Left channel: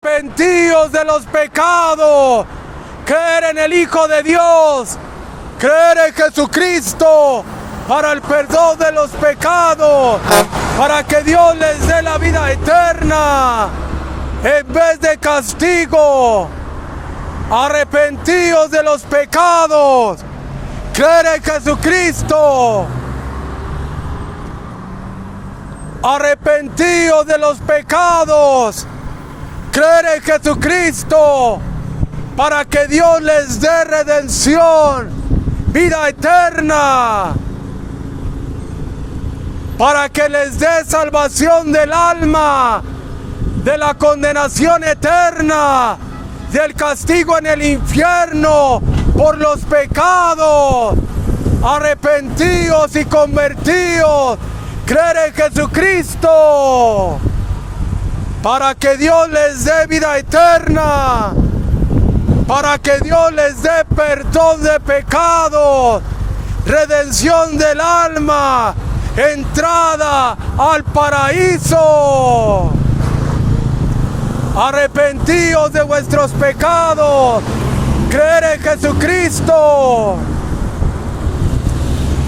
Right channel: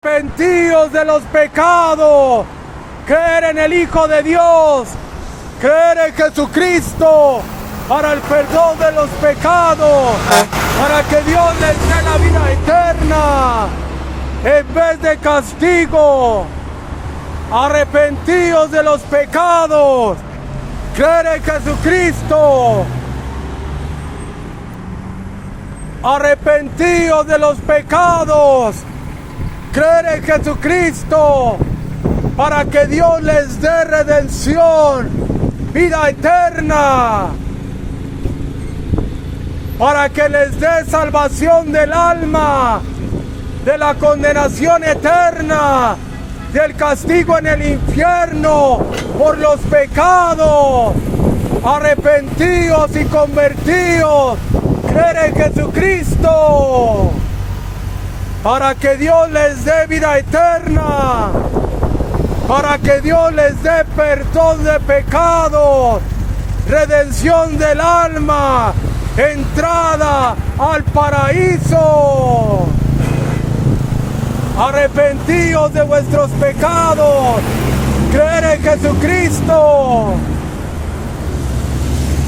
Arrepentíos de los pecados, creer en el Hijo de Dios, creer en Jesucristo para el perdón de los pecados, para que Dios les dé la vida eterna en vez de castigo. Arrepentíos de los pecados, creer en Jesucristo. Arrepentíos de los pecados, creer en Jesucristo para que Dios les dé redención, vida eterna, para que les dé salvación del alma, de la condenación eterna, del castigo en el infierno por los pecados. Arrepentíos y convertíos, creer en Jesucristo para que Dios les dé vida eterna, para que Dios les dé perdón de pecados, redención del alma, entrada al paraíso. Arrepentíos de vuestros pecados, creer en Jesucristo,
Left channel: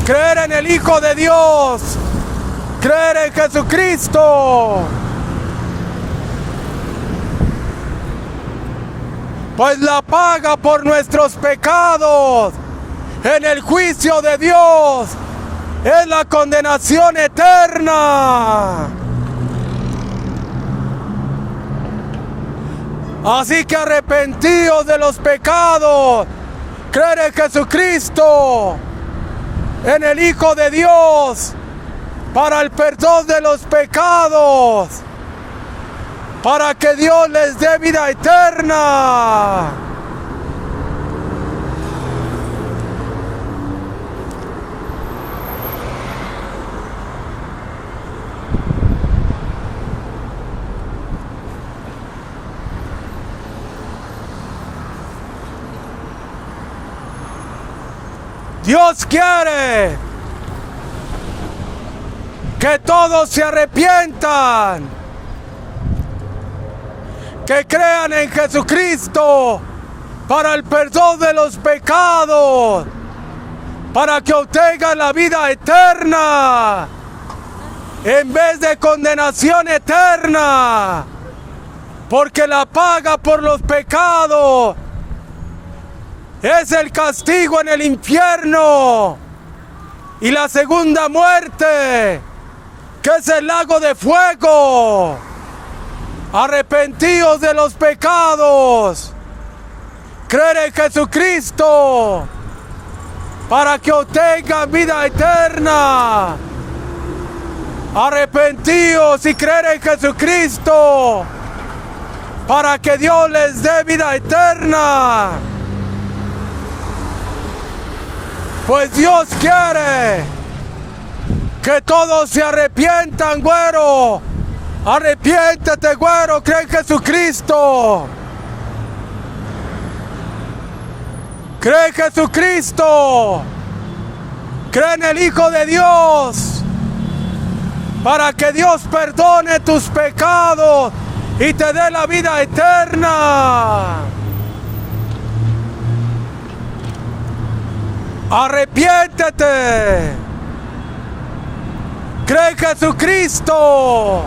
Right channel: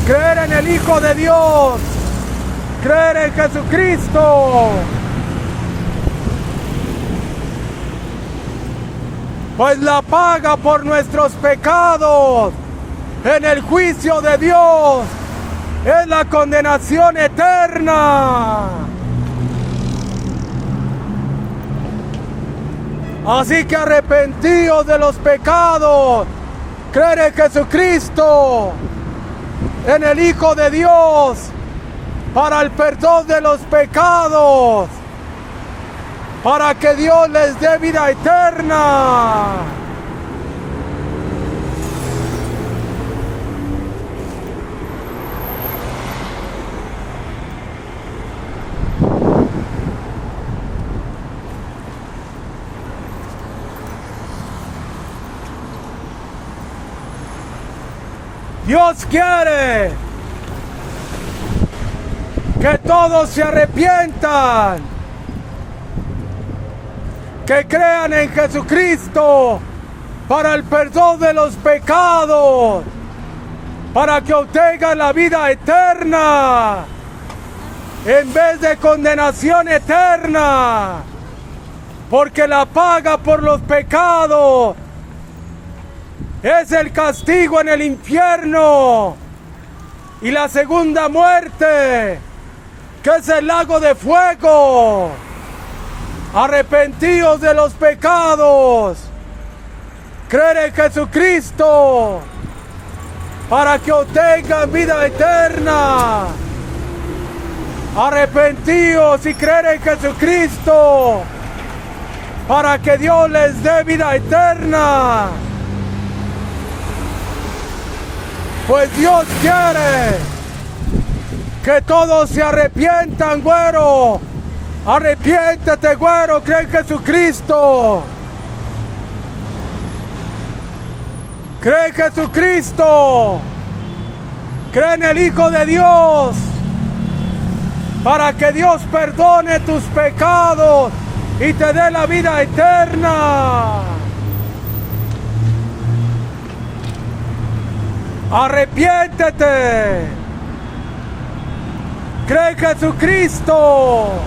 creer en el Hijo de Dios, creer en Jesucristo. Pues la paga por nuestros pecados en el juicio de Dios es la condenación eterna. Así que arrepentíos de los pecados, creer en Jesucristo, en el Hijo de Dios, para el perdón de los pecados, para que Dios les dé vida eterna. Dios quiere que todos se arrepientan, que crean en Jesucristo para el perdón de los pecados, para que obtengan la vida eterna en vez de condenación eterna, porque la paga por los pecados es el castigo en el infierno y la segunda muerte, que es el lago de fuego. Arrepentíos de los pecados, creer en Jesucristo para que obtengan vida eterna. Arrepentíos y creer en Jesucristo para que Dios les dé vida eterna. Pues Dios quiere que todos se arrepientan, güero. Arrepiéntete, güero, cree en Jesucristo. Cree en Jesucristo. Cree en el Hijo de Dios para que Dios perdone tus pecados y te dé la vida eterna. Arrepiéntete. Cree en Jesucristo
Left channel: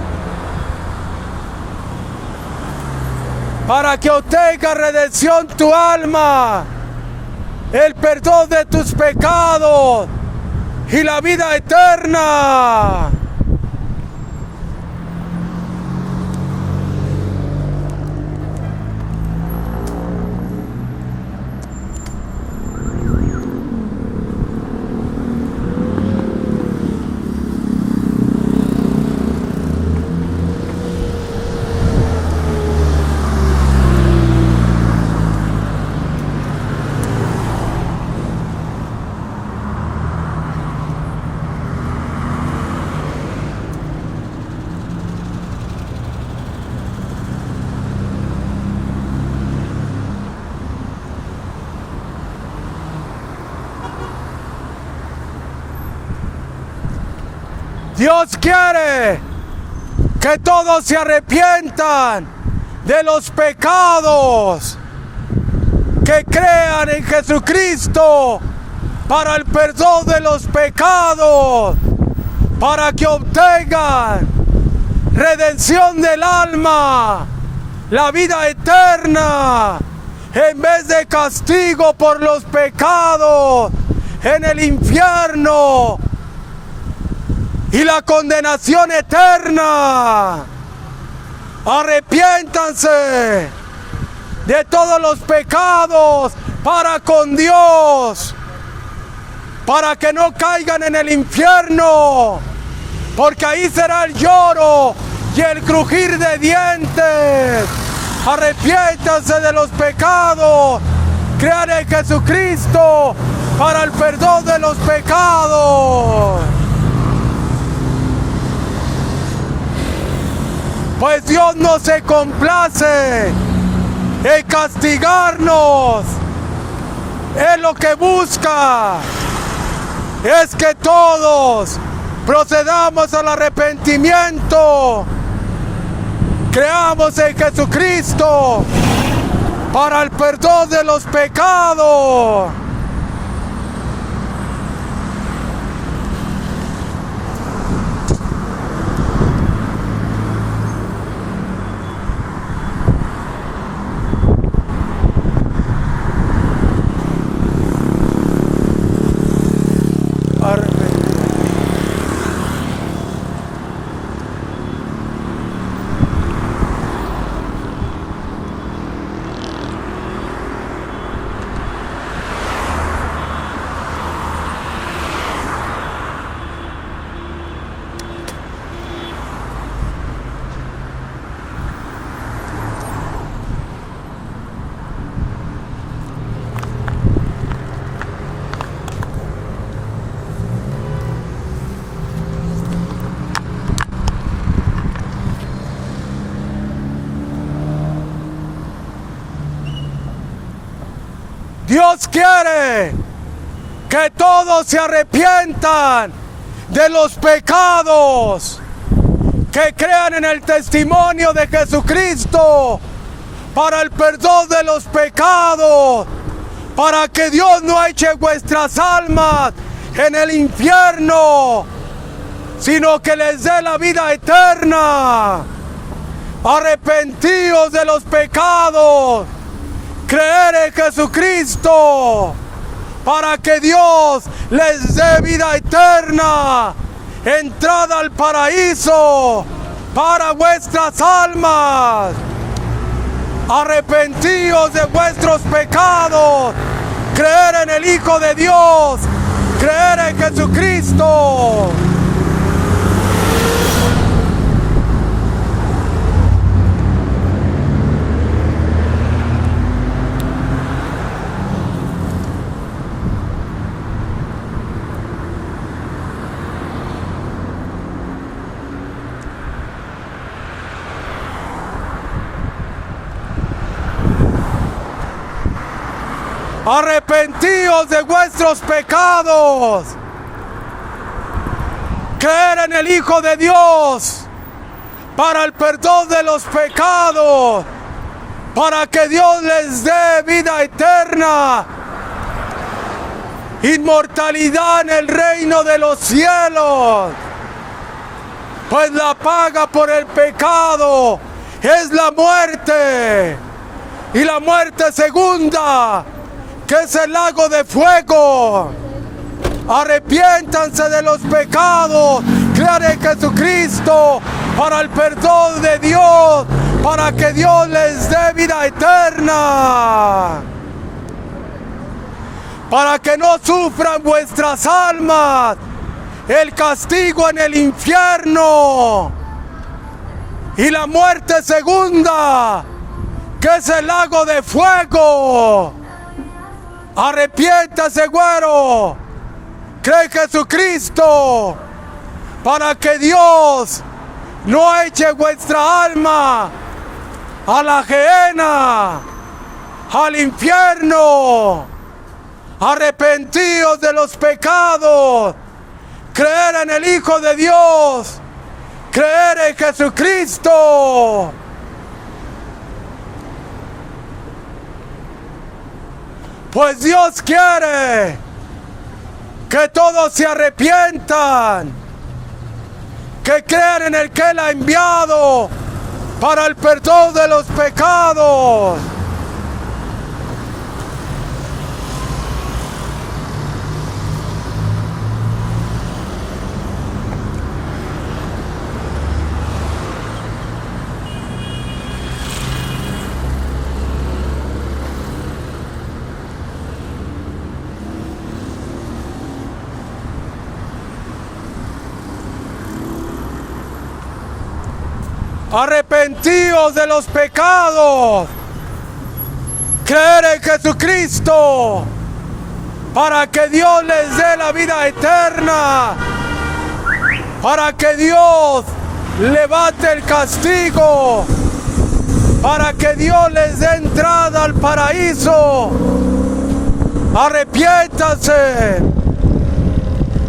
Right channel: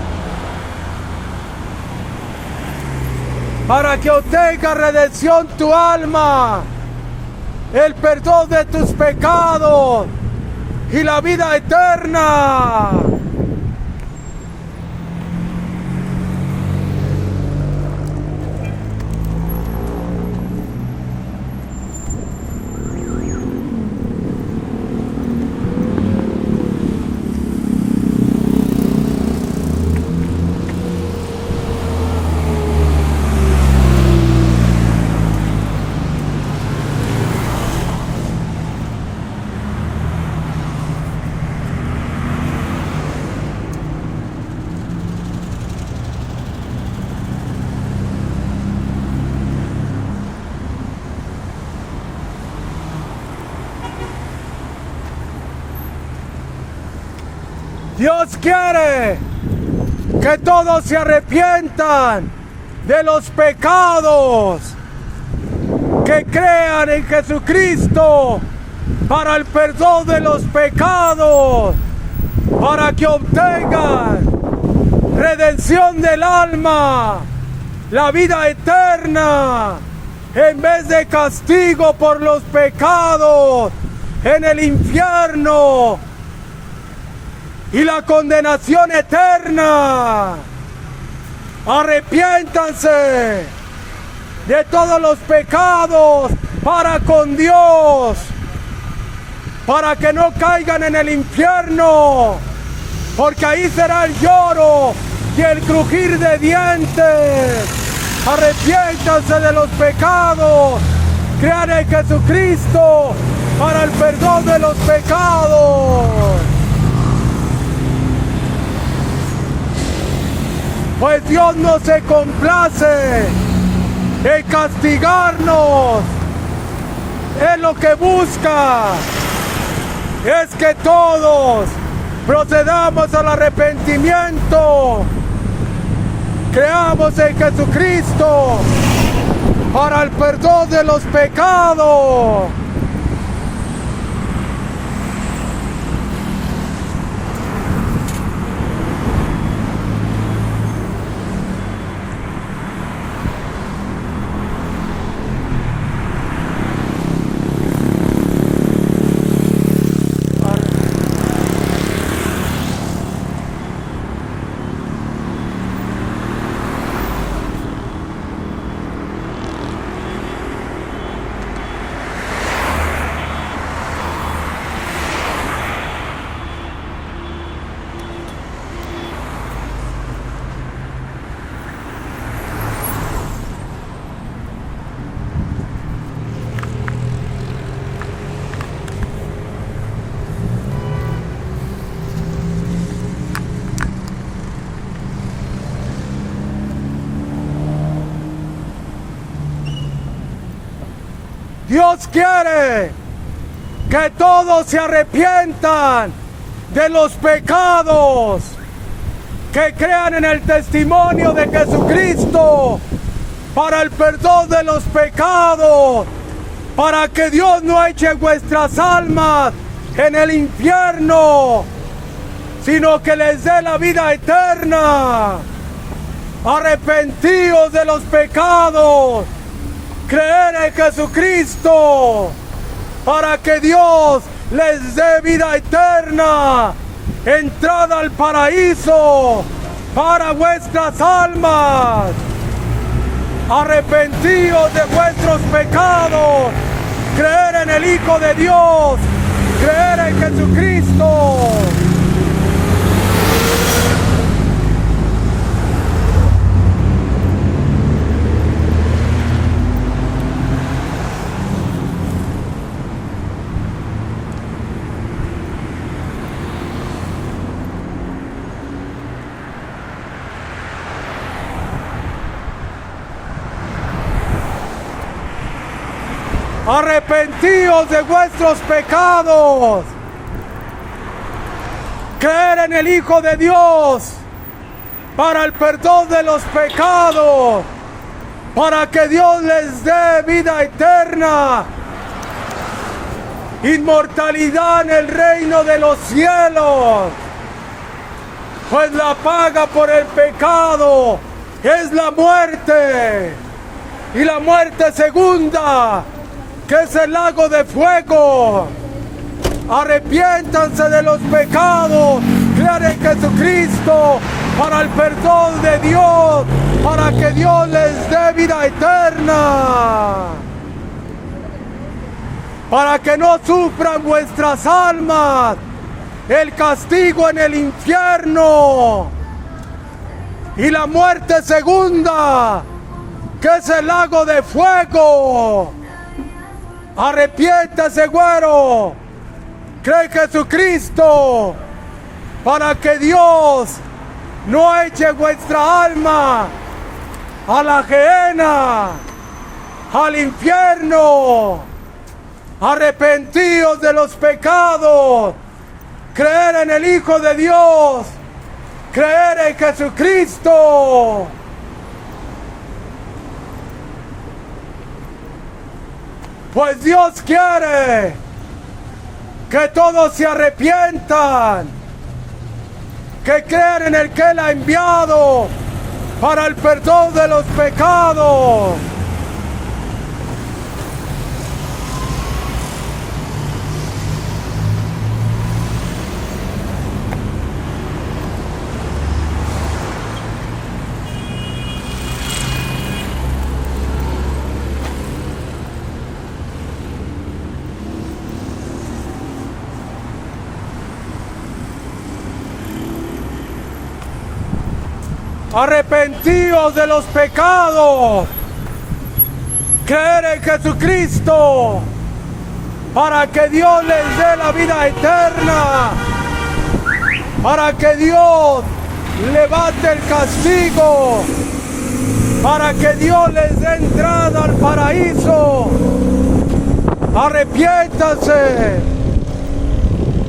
para que obtenga redención tu alma, el perdón de tus pecados y la vida eterna. Dios quiere que todos se arrepientan, de los pecados, que crean en Jesucristo para el perdón de los pecados, para que obtengan redención del alma, la vida eterna, en vez de castigo por los pecados en el infierno y la condenación eterna. Arrepiéntanse de todos los pecados para con Dios, para que no caigan en el infierno, porque ahí será el lloro y el crujir de dientes. Arrepiéntanse de los pecados, crean en Jesucristo para el perdón de los pecados. Pues Dios no se complace en castigarnos. Él lo que busca es que todos procedamos al arrepentimiento, creamos en Jesucristo para el perdón de los pecados. Dios quiere que todos se arrepientan de los pecados, que crean en el testimonio de Jesucristo para el perdón de los pecados, para que Dios no eche vuestras almas en el infierno, sino que les dé la vida eterna. Arrepentíos de los pecados, creer en Jesucristo para que Dios les dé vida eterna, entrada al paraíso para vuestras almas. Arrepentíos de vuestros pecados, creer en el Hijo de Dios, creer en Jesucristo. Arrepentíos de vuestros pecados, creer en el Hijo de Dios para el perdón de los pecados, para que Dios les dé vida eterna, inmortalidad en el reino de los cielos. Pues la paga por el pecado es la muerte, y la muerte segunda, que es el lago de fuego. Arrepiéntanse de los pecados, crean en Jesucristo para el perdón de Dios, para que Dios les dé vida eterna, para que no sufran vuestras almas el castigo en el infierno y la muerte segunda, que es el lago de fuego. Arrepiéntase, güero, cree en Jesucristo para que Dios no eche vuestra alma a la gehenna, al infierno. Arrepentíos de los pecados, creer en el Hijo de Dios, creer en Jesucristo. Pues Dios quiere que todos se arrepientan, que crean en el que Él ha enviado para el perdón de los pecados. Arrepentíos de los pecados, creer en Jesucristo para que Dios les dé la vida eterna, para que Dios levante el castigo, para que Dios les dé entrada al paraíso. Arrepiéntanse,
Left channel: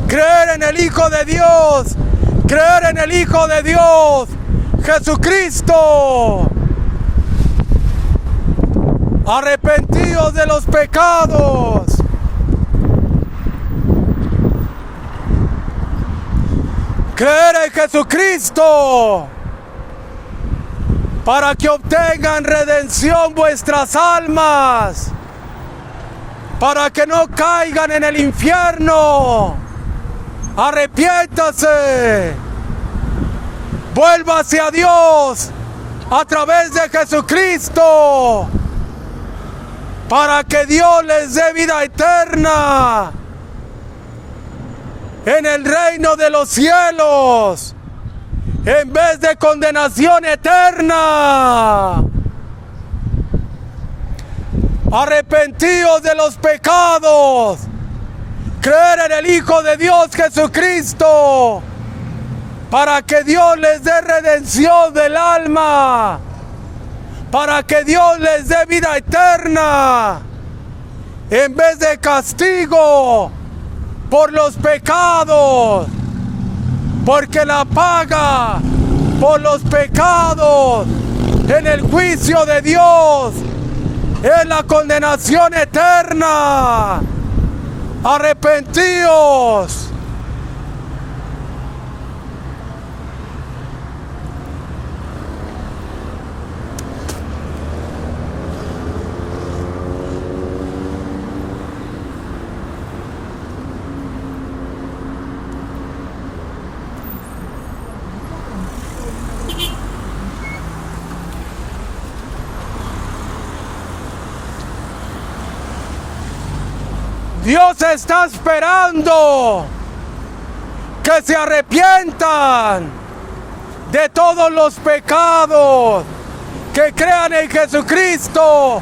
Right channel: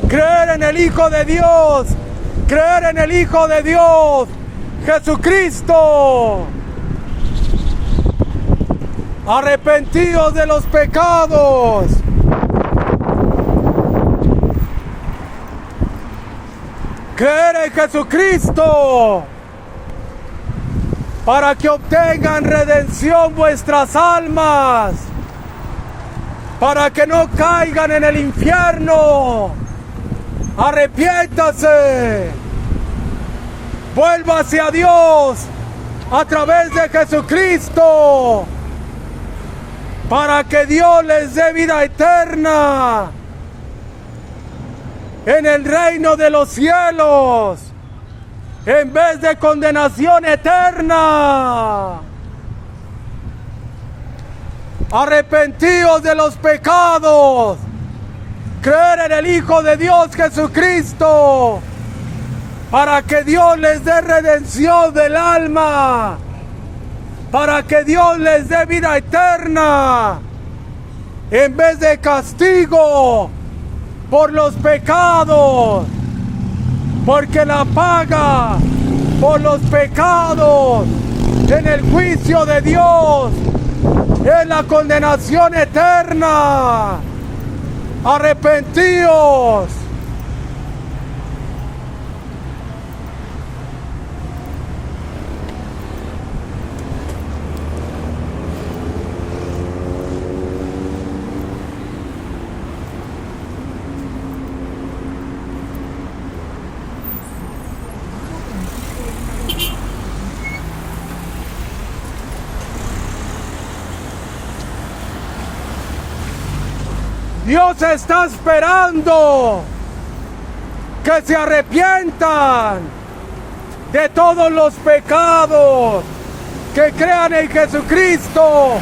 creer en el Hijo de Dios, creer en el Hijo de Dios, Jesucristo. Arrepentíos de los pecados. Creer en Jesucristo para que obtengan redención vuestras almas, para que no caigan en el infierno. Arrepiéntase. Vuélvase a Dios a través de Jesucristo para que Dios les dé vida eterna en el reino de los cielos en vez de condenación eterna. Arrepentíos de los pecados, creer en el Hijo de Dios Jesucristo para que Dios les dé redención del alma, para que Dios les dé vida eterna, en vez de castigo por los pecados, porque la paga por los pecados en el juicio de Dios es la condenación eterna. Arrepentíos. Dios está esperando que se arrepientan de todos los pecados, que crean en Jesucristo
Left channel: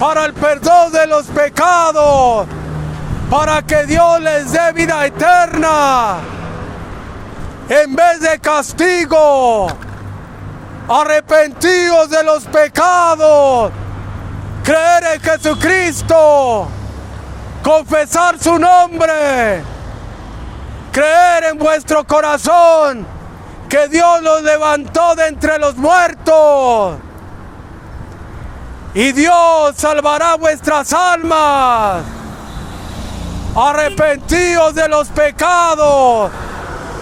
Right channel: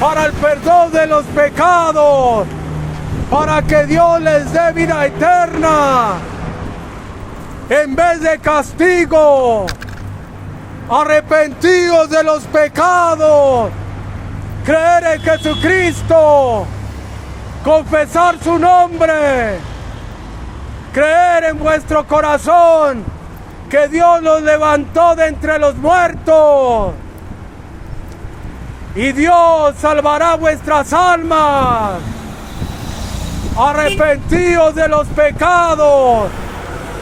para el perdón de los pecados, para que Dios les dé vida eterna en vez de castigo. Arrepentíos de los pecados, creer en Jesucristo, confesar su nombre, creer en vuestro corazón que Dios los levantó de entre los muertos y Dios salvará vuestras almas. Arrepentíos de los pecados,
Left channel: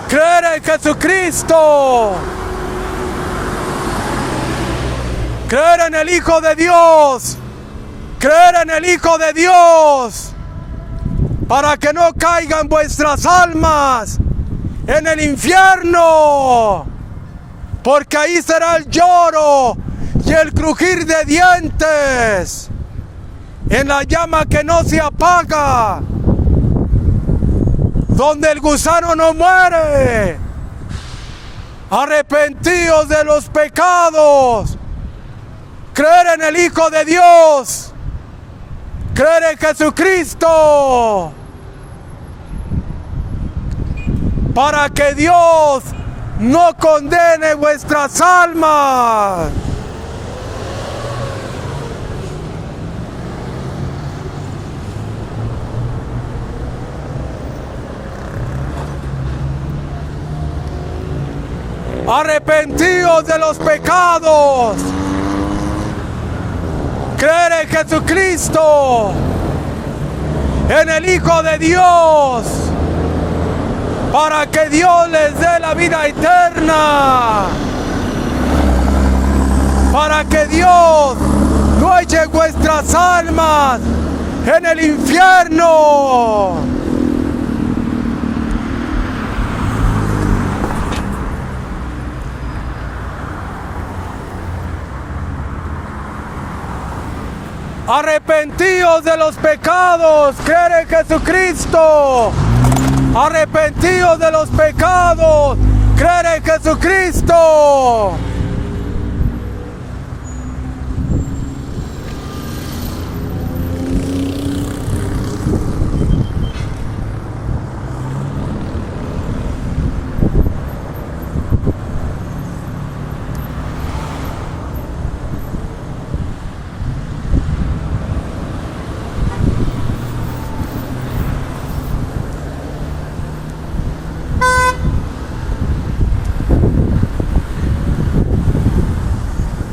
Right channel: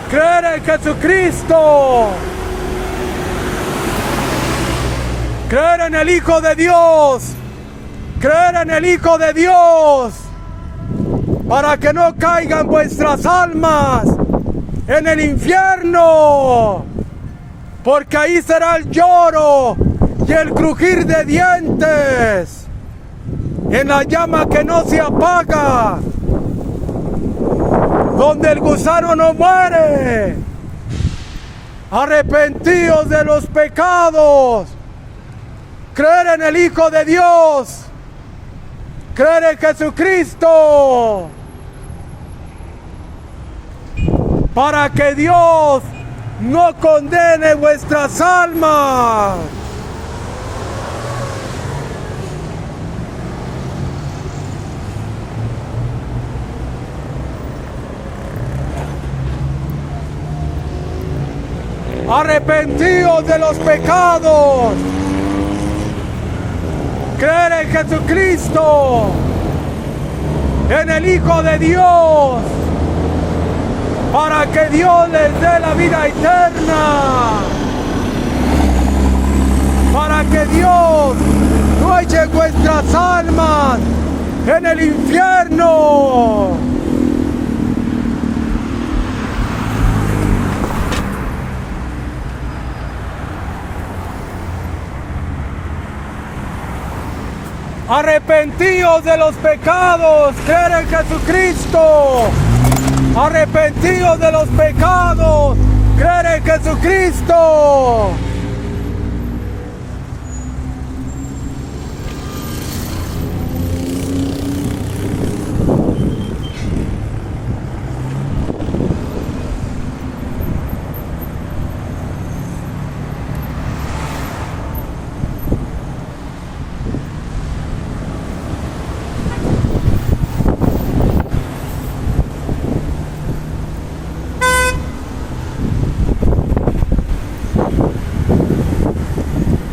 creer en Jesucristo, creer en el Hijo de Dios, creer en el Hijo de Dios, para que no caigan vuestras almas en el infierno, porque ahí será el lloro y el crujir de dientes, en la llama que no se apaga, donde el gusano no muere. Arrepentíos de los pecados, creer en el Hijo de Dios, creer en Jesucristo, para que Dios no condene vuestras almas. Arrepentíos de los pecados, creer en Jesucristo en el Hijo de Dios, para que Dios les dé la vida eterna, para que Dios no eche vuestras almas en el infierno. Arrepentíos de los pecados, creed en Jesucristo. Arrepentíos de los pecados, creed en Jesucristo.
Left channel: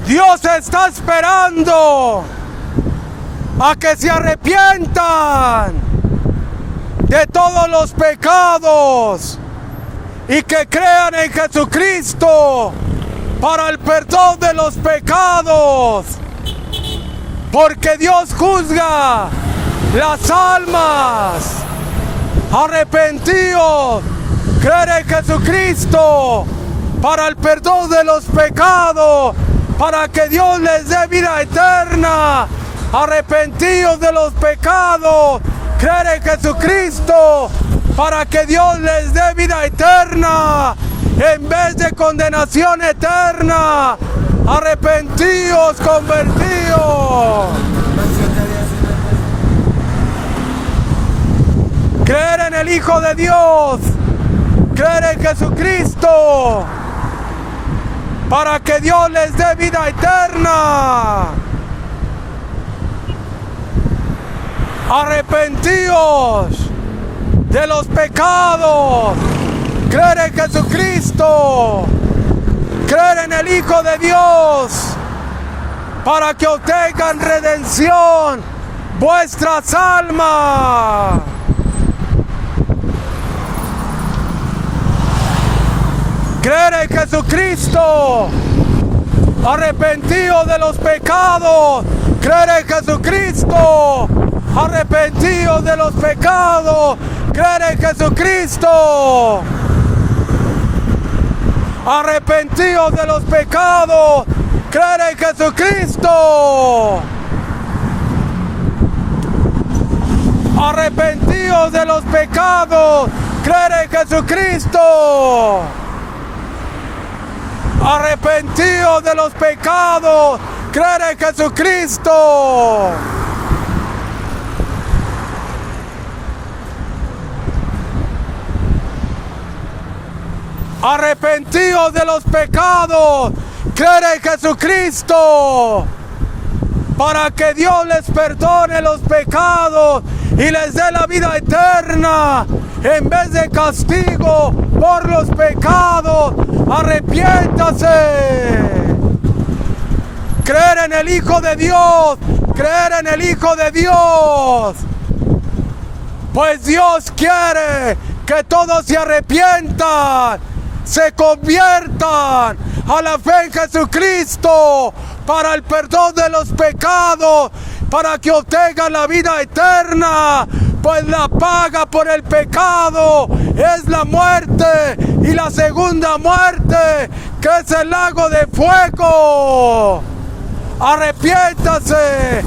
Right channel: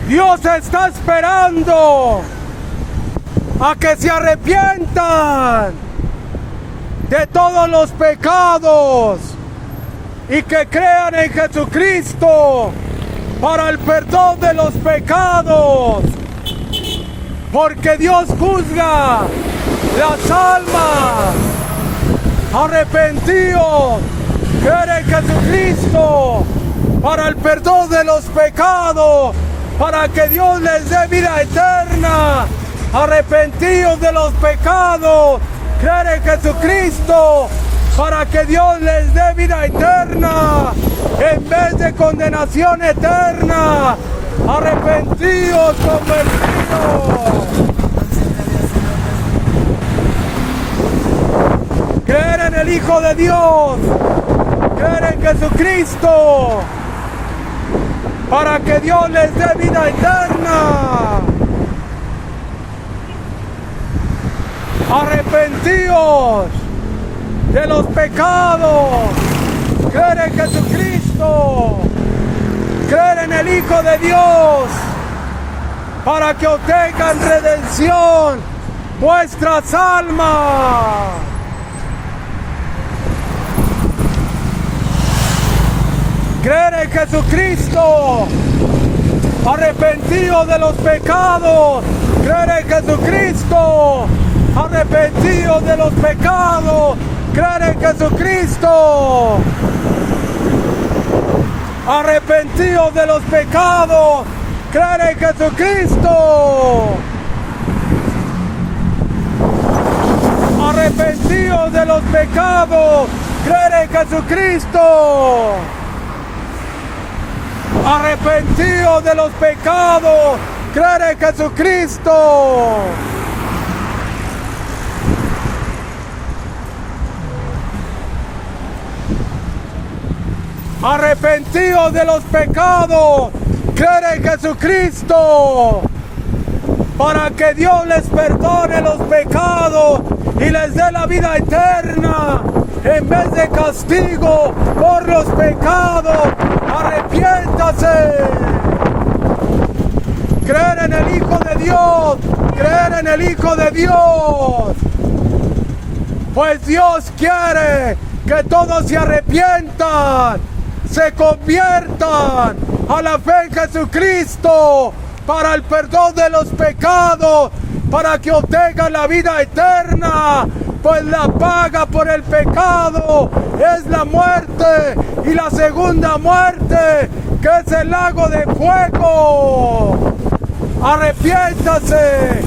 Dios está esperando a que se arrepientan de todos los pecados y que crean en Jesucristo para el perdón de los pecados, porque Dios juzga las almas. Arrepentíos, creed en Jesucristo para el perdón de los pecados, para que Dios les dé vida eterna. Arrepentíos de los pecados, creed en Jesucristo, para que Dios les dé vida eterna, en vez de condenación eterna. Arrepentíos, convertíos. Creer en el Hijo de Dios, creer en Jesucristo, para que Dios les dé vida eterna. Arrepentíos de los pecados, creer en Jesucristo, creer en el Hijo de Dios, para que obtengan redención vuestras almas. Creer en Jesucristo, arrepentidos de los pecados, creer en Jesucristo, arrepentidos de los pecados, creer en Jesucristo, arrepentidos de los pecados, creer en Jesucristo, arrepentidos de los pecados, creer en Jesucristo. Arrepentidos de los pecados, creer en Jesucristo. Arrepentidos de los pecados, creer en Jesucristo, para que Dios les perdone los pecados y les dé la vida eterna, en vez de castigo por los pecados. Arrepiéntase. Creer en el Hijo de Dios, creer en el Hijo de Dios. Pues Dios quiere que todos se arrepientan, se conviertan a la fe en Jesucristo para el perdón de los pecados, para que obtengan la vida eterna, pues la paga por el pecado es la muerte, y la segunda muerte, que es el lago de fuego. Arrepiéntase,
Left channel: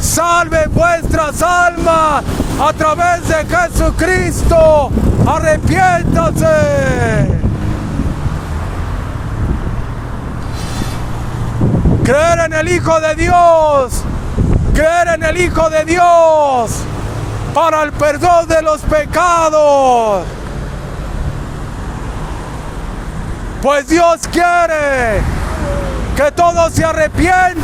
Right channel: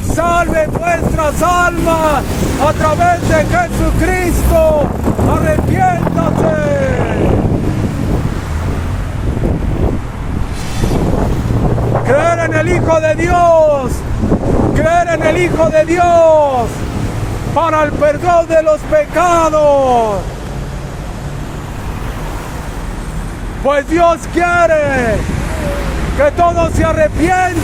salve vuestras almas a través de Jesucristo. Arrepiéntase. Creer en el Hijo de Dios, creer en el Hijo de Dios para el perdón de los pecados. Pues Dios quiere que todos se arrepientan.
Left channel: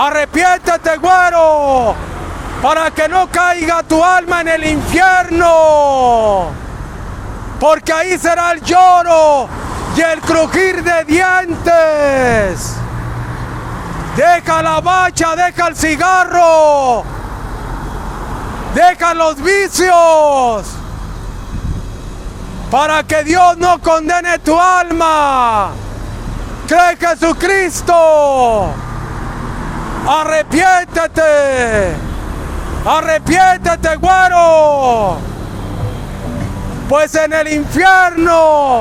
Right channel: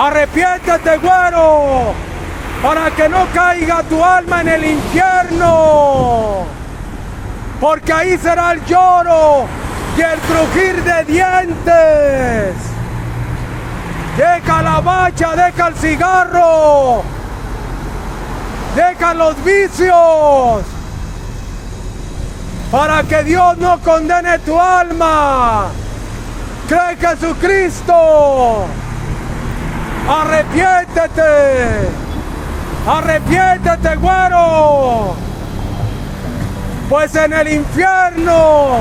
Arrepiéntate, güero, para que no caiga tu alma en el infierno, porque ahí será el lloro y el crujir de dientes. Deja la vaca borracha, deja el cigarro, deja los vicios, para que Dios no condene tu alma. Cree en Jesucristo. Arrepiéntete. Arrepiéntete, güero. Pues en el infierno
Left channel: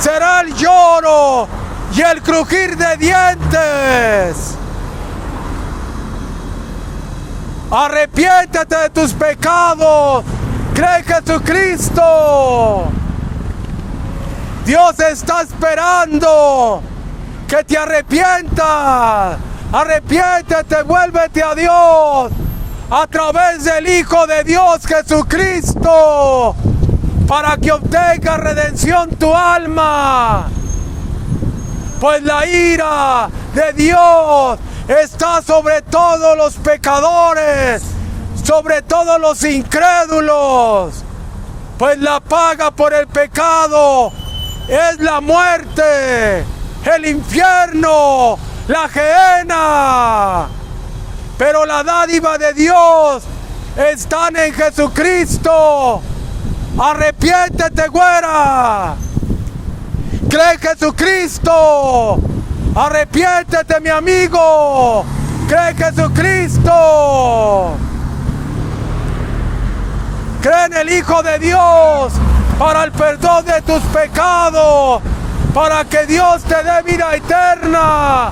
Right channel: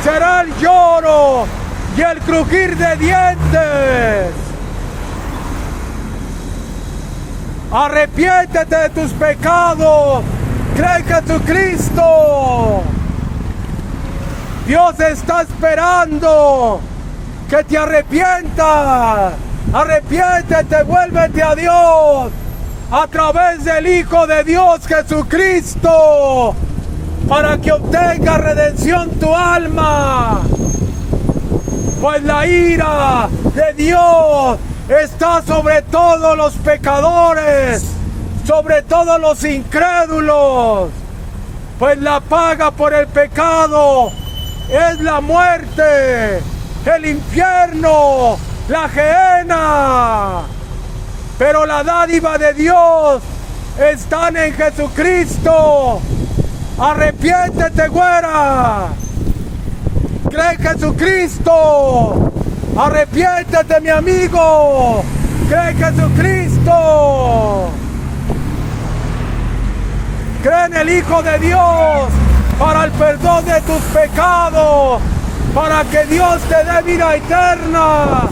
será el lloro y el crujir de dientes. Arrepiéntete de tus pecados. Cree en Jesucristo. Dios está esperando que te arrepientas. Arrepiéntete, vuélvete a Dios a través del Hijo de Dios Jesucristo, para que obtenga redención tu alma. Pues la ira de Dios está sobre todos los pecadores, sobre todos los incrédulos. Pues la paga por el pecado es la muerte, el infierno, la gehenna. Pero la dádiva de Dios está en Jesucristo. Arrepiéntete, güera. Cree en Jesucristo. Arrepiéntete, mi amigo. Cree en Jesucristo. Cree en el Hijo de Dios para el perdón de tus pecados, para que Dios te dé vida eterna,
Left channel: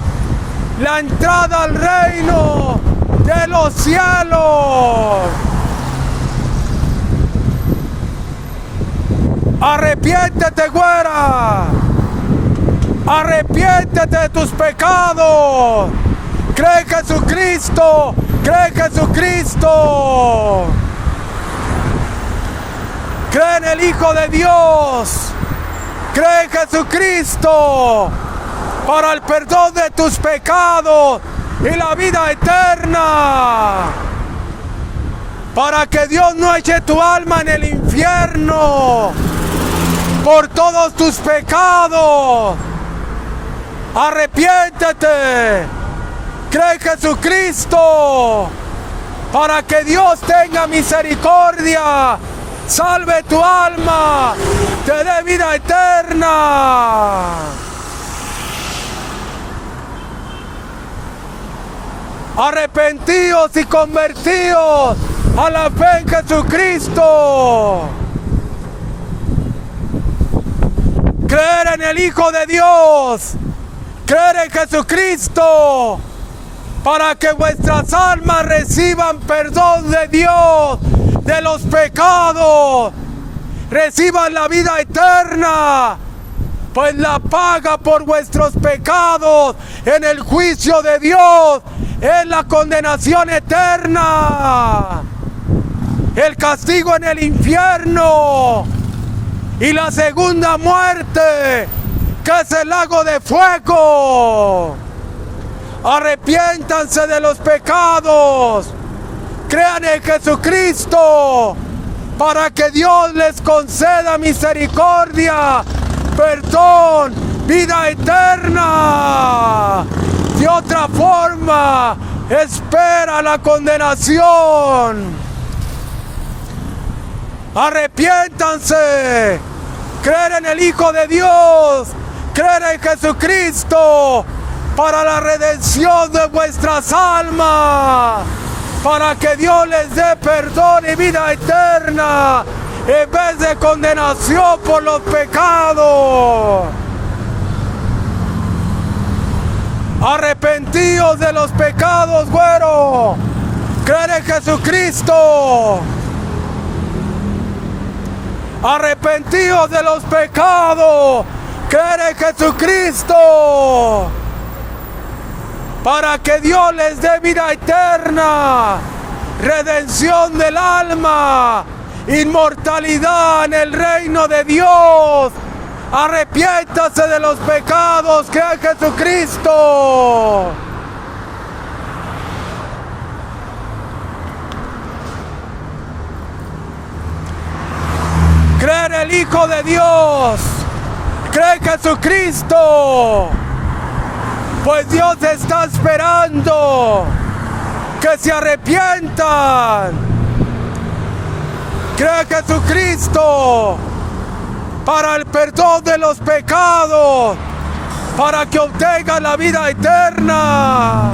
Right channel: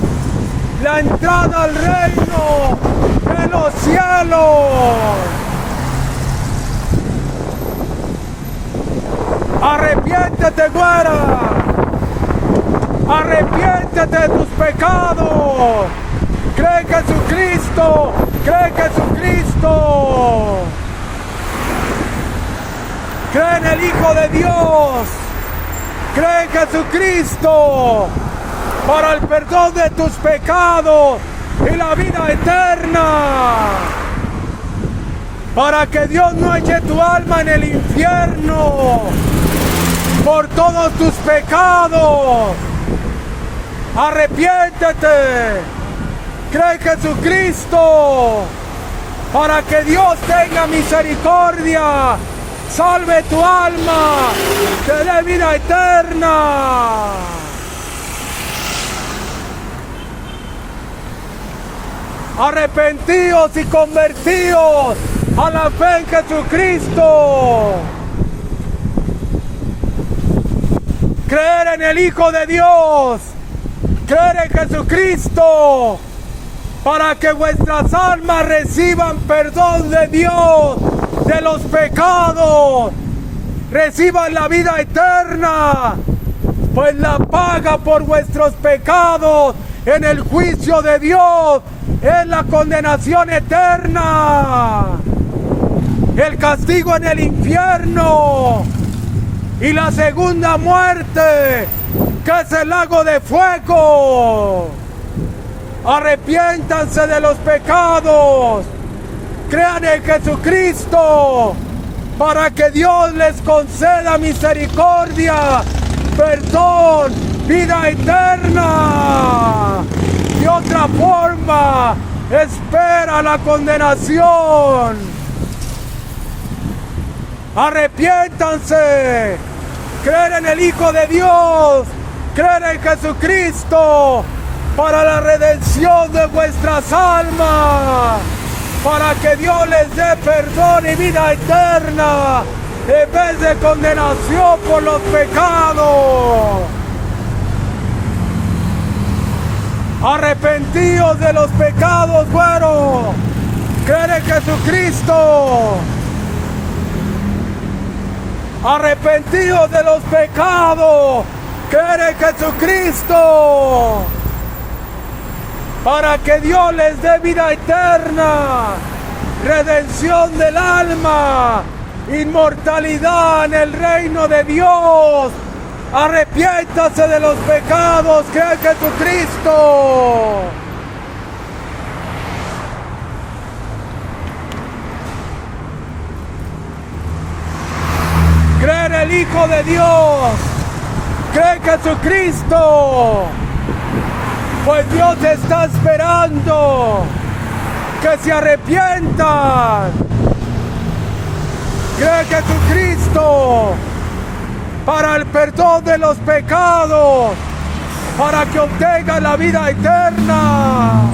la entrada al reino de los cielos. Arrepiéntete, güera. Arrepiéntete de tus pecados. Cree en Jesucristo. Cree en Jesucristo. Cree en el Hijo de Dios. Cree en Jesucristo para el perdón de tus pecados y la vida eterna. Para que Dios no eche tu alma en el infierno por todos tus pecados. Arrepiéntete. Cree en Jesucristo para que Dios tenga misericordia, salve tu alma, te dé vida eterna. Arrepentíos y convertíos a la fe en Jesucristo. Creer en el Hijo de Dios, creer en Jesucristo, para que vuestras almas reciban perdón de Dios de los pecados, reciban la vida eterna, pues la paga por vuestros pecados en el juicio de Dios es la condenación eterna, el castigo en el infierno y la segunda muerte, que es el lago de fuego. Arrepiéntanse de los pecados, crean en Jesucristo, para que Dios les conceda misericordia, perdón, vida eterna. De otra forma, espera la condenación. Arrepiéntanse, creer en el Hijo de Dios, creer en Jesucristo para la redención de vuestras almas, para que Dios les dé perdón y vida eterna en vez de condenación por los pecados. Arrepentíos de los pecados, güero. Creer en Jesucristo. Arrepentíos de los pecados. Creer en Jesucristo. Para que Dios les dé vida eterna, redención del alma, inmortalidad en el reino de Dios. Arrepiéntase de los pecados, que es Jesucristo. Cree en el Hijo de Dios, cree en Jesucristo. Pues Dios te está esperando se arrepientan. Cree en Jesucristo para el perdón de los pecados, para que obtengan la vida eterna.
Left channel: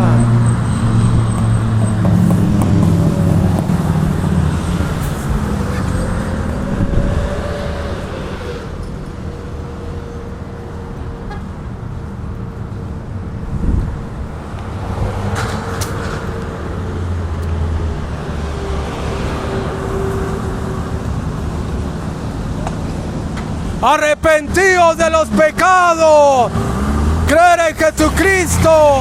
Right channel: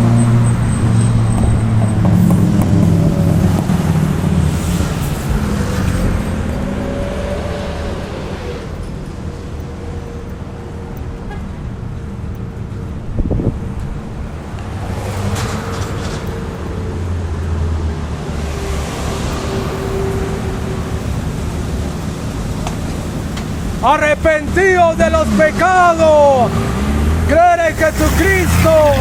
Arrepentidos de los pecados, creer en Jesucristo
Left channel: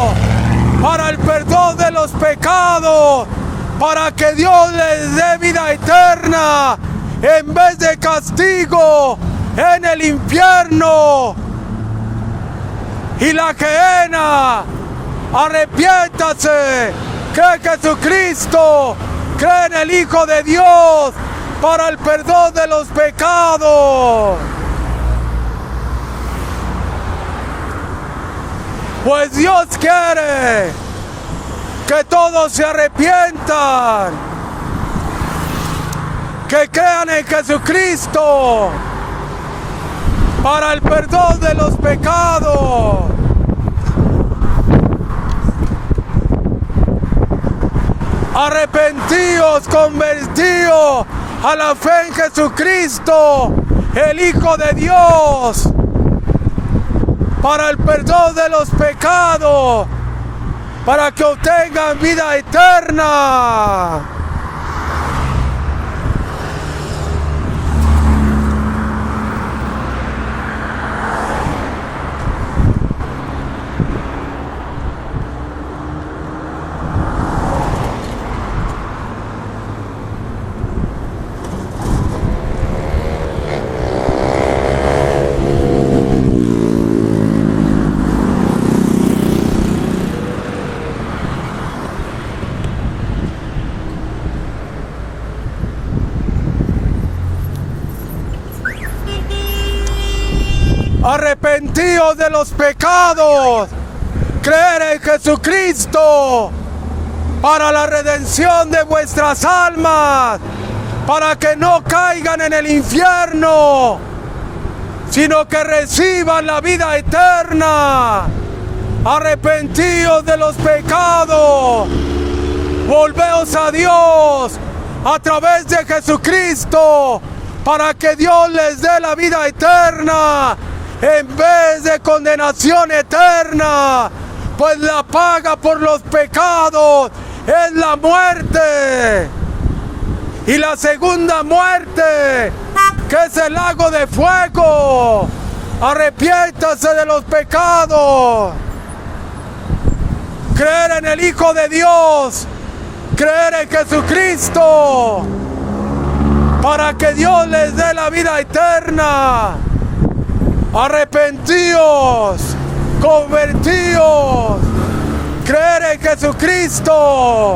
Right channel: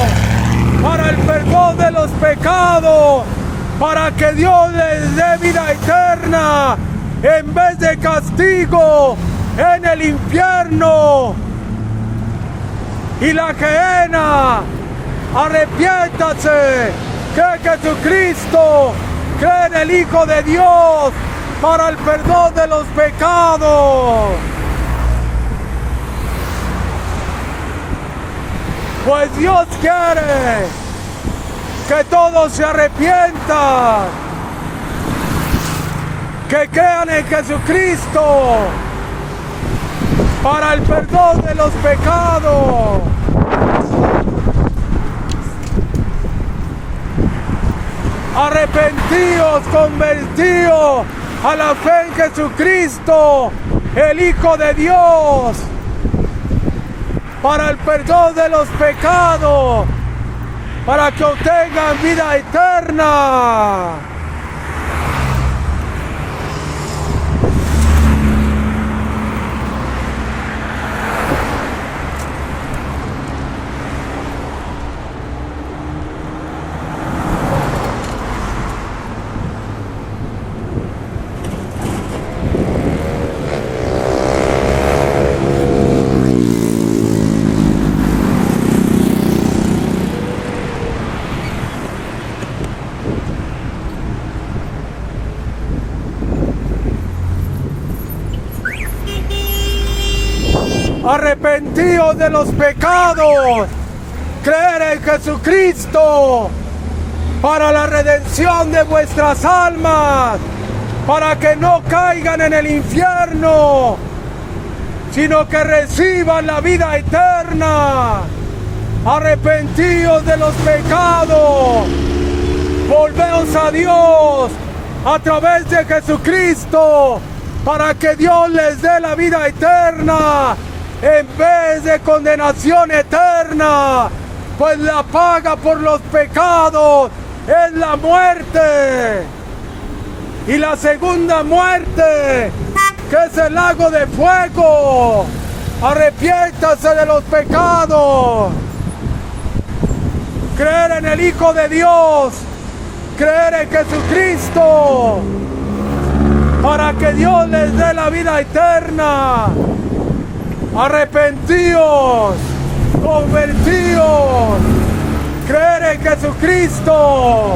para el perdón de los pecados, para que Dios les dé vida eterna en vez de castigo en el infierno y la gehenna. Arrepiéntase, cree en Jesucristo, cree en el Hijo de Dios para el perdón de los pecados. Pues Dios quiere que todos se arrepientan, que crean en Jesucristo para el perdón de los pecados. Arrepentíos, convertíos a la fe en Jesucristo, el Hijo de Dios, para el perdón de los pecados, para que obtengan vida eterna. Arrepentíos de los pecados, creer en Jesucristo para la redención de vuestras almas, para que no caigan en el infierno, sino que reciban la vida eterna. Arrepentíos de los pecados, volveos a Dios a través de Jesucristo, para que Dios les dé la vida eterna en vez de condenación eterna, pues la paga por los pecados es la muerte, y la segunda muerte, que es el lago de fuego. Arrepiéntase de los pecados, creer en el Hijo de Dios, creer en Jesucristo, para que Dios les dé la vida eterna. Arrepentíos, convertíos, creer en Jesucristo.